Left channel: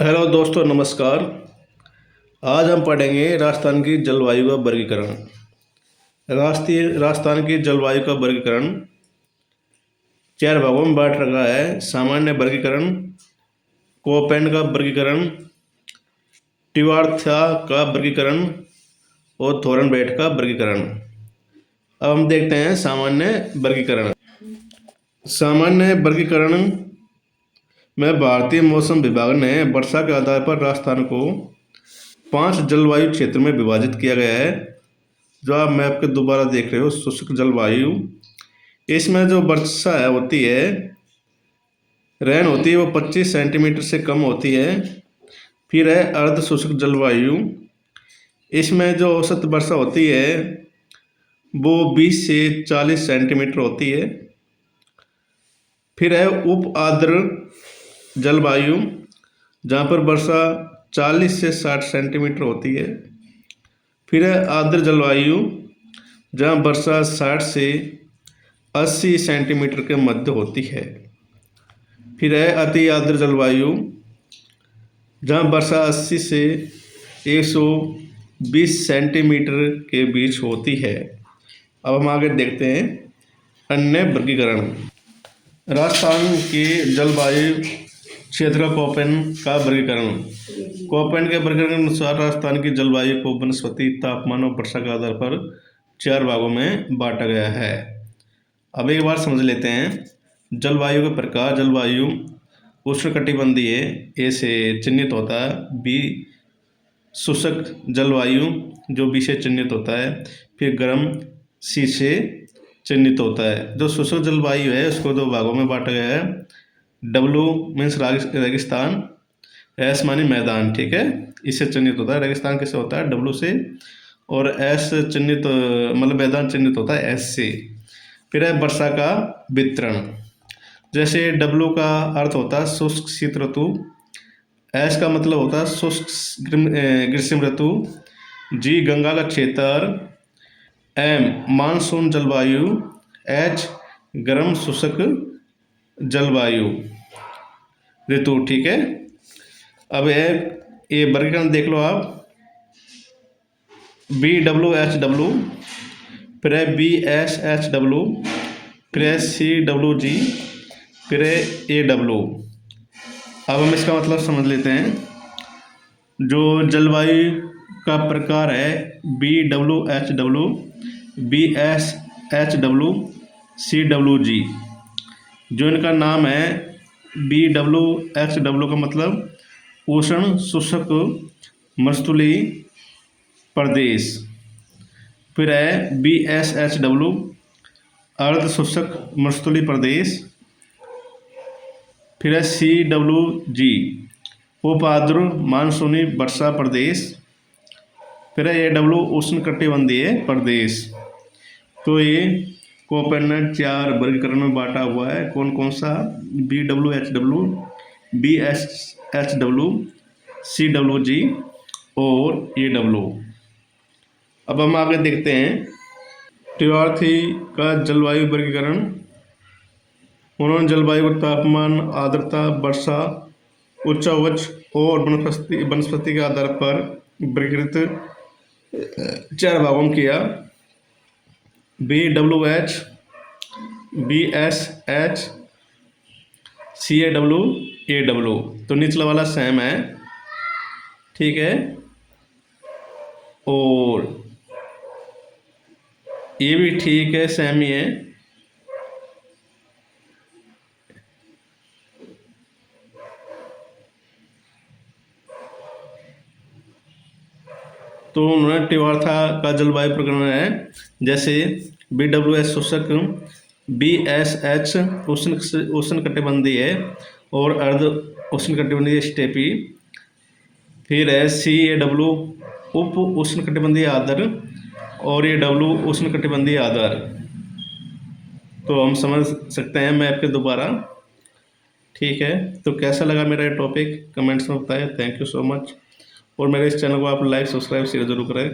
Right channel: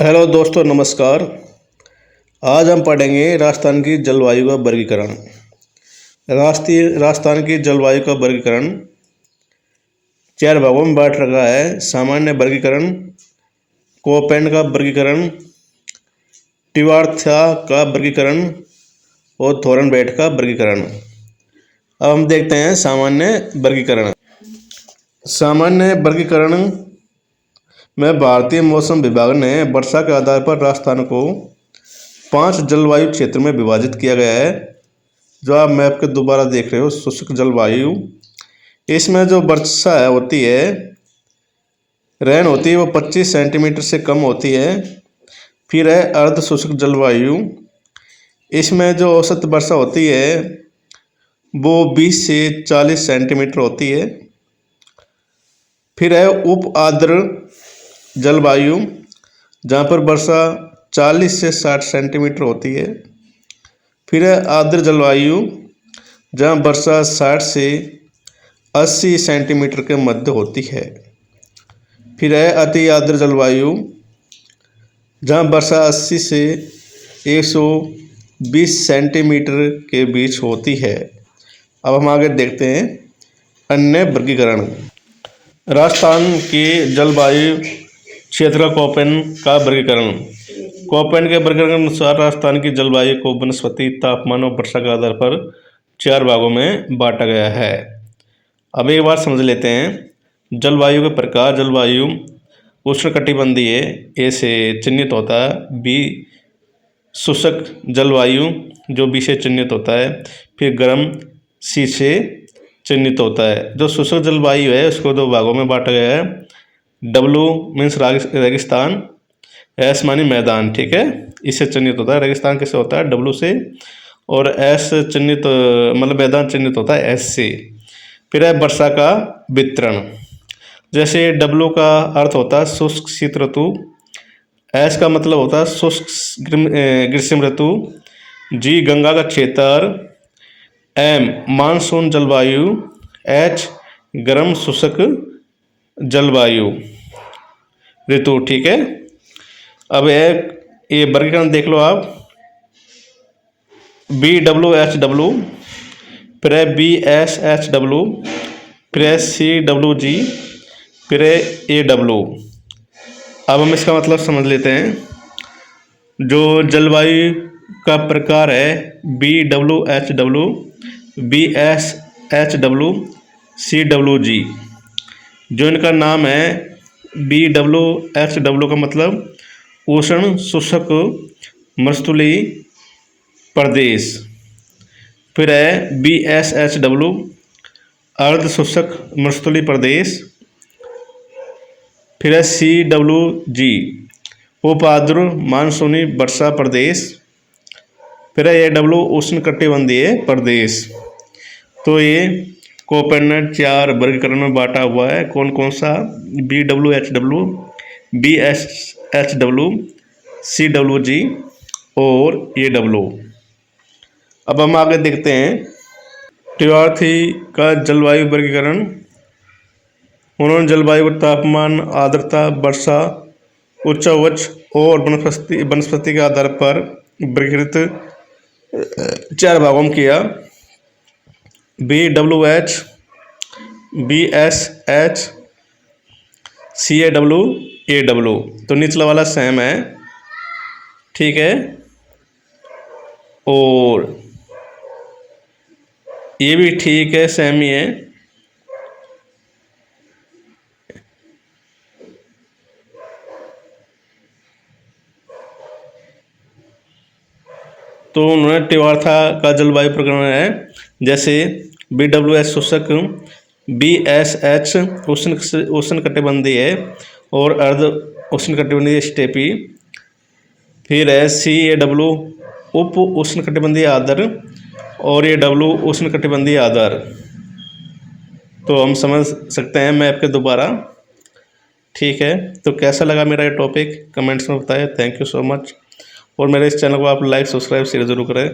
Hello दोस्तों, नमस्कार। आज हम पढ़ेंगे राजस्थान की जलवायु का वर्गीकरण। राजस्थान की जलवायु का वर्गीकरण चार भागों में बांट रखा है। सामान्य वर्गीकरण, कोपेन का वर्गीकरण, टिवार्था का वर्गीकरण और थोरनबेट का वर्गीकरण। अब हम देखते हैं सामान्य वर्गीकरण। सामान्य वर्गीकरण में भारतीय मौसम विभाग ने वर्षा के आधार पर राजस्थान को 5 जलवायु क्षेत्र में विभाजित किया गया है। जो आप मैप के दोबारा देख रहे हो, शुष्क जलवायु, इसमें जो वर्षा होती है, रेन होती है, वो 25 सेंटीमीटर से कम होती है। फिर है अर्ध शुष्क जलवायु, इसमें जो औसत वर्षा होती है वो 20 से 40 सेंटीमीटर होती है। फिर है उप आर्द्र जलवायु, जहाँ पर वर्षा 40 से 60 सेंटीमीटर होती है। फिर है आर्द्र जलवायु, जहाँ वर्षा 60 से 80 सेंटीमीटर के मध्य होती है। फिर है अति आर्द्र जलवायु, जहाँ वर्षा 80 से 120 सेंटीमीटर के बीच होती है। अब हम आगे देखते हैं अन्य वर्गीकरण। राजस्थान की जलवायु क्षेत्र कोपेन का वर्गीकरण। कोपेन के वर्गीकरण के अनुसार राजस्थान की जलवायु को वनस्पति, तापमान और वर्षा के आधार पर 4 भागों में बांटा गया है। अब एक बार समझ लेते हैं जलवायु के प्रकार। जलवायु उष्णकटिबंधीय ए से चिन्हित होता है। बी शुष्क जलवायु, जो बी से चिन्हित होता है। फिर गर्म, सी से चिन्हित होता है। जो शुष्क जलवायु है उसको 2 भागों में बांटा गया है। डब्लू मीन्स रेगिस्तान, एस मानी मैदान, ठीक है, इससे चिन्हित होता है। रेगिस्तान किससे होता है? डब्लू से। और एस चिन्हित मतलब मैदान चिन्हित होता है एस से। फिर है वर्षा का वितरण। जैसे डब्लू का अर्थ होता है शुष्क शीत ऋतु, एस का मतलब होता है शुष्क ग्रीष्म ऋतु, जी गंगा का क्षेत्र, एम मानसून जलवायु, एच गर्म शुष्क जलवायु ऋतु, ठीक है। अब एक ये वर्गीकरण देख लो आप। BWHW, फिर है BSHW, फिर है CWG, फिर है AW। अब हम इसका मतलब समझ लेते हैं। जो जलवायु का प्रकार है BWHW, BSHW, CWG, जो इनका नाम है BWHW का मतलब उष्ण शुष्क मरुस्थलीय प्रदेश। फिर है BSHW अर्ध शुष्क मरुस्थलीय प्रदेश। फिर है CWG उप आर्द्र मानसूनी वर्षा प्रदेश। फिर है AW उष्णकटिबंधीय प्रदेश। तो ये कोपेन ने 4 वर्गीकरण में बांटा हुआ है। कौन कौन सा? BWHW, BSHW, CWG और AW। अब हम आगे देखते हैं टिवार्थी का जलवायु वर्गीकरण। उन्होंने जलवायु को तापमान, आर्द्रता, वर्षा, उच्चावच और वनस्पति के आधार पर वर्गीकृत 4 भागों में किया। BWH, BSH, CAW, AW। तो निचला वाला सेम है, ठीक है। और ये भी ठीक है, सेम ही है। तो उन्होंने टिवार्था का जलवायु प्रकरण है। जैसे BWH शुष्क, BSH उष्णकटिबंधीय है और अर्ध उष्णकटिबंधीय स्टेपी। फिर है CAW उप उष्णकटिबंधीय आर्द्र और AW उष्णकटिबंधीय आर्द्र। तो हम समझ सकते हैं मैप के दोबारा, ठीक है। तो कैसा लगा मेरा ये टॉपिक कमेंट्स में बताएं। Thank you so much. और मेरे इस चैनल को आप लाइक, सब्सक्राइब, शेयर जरूर करें।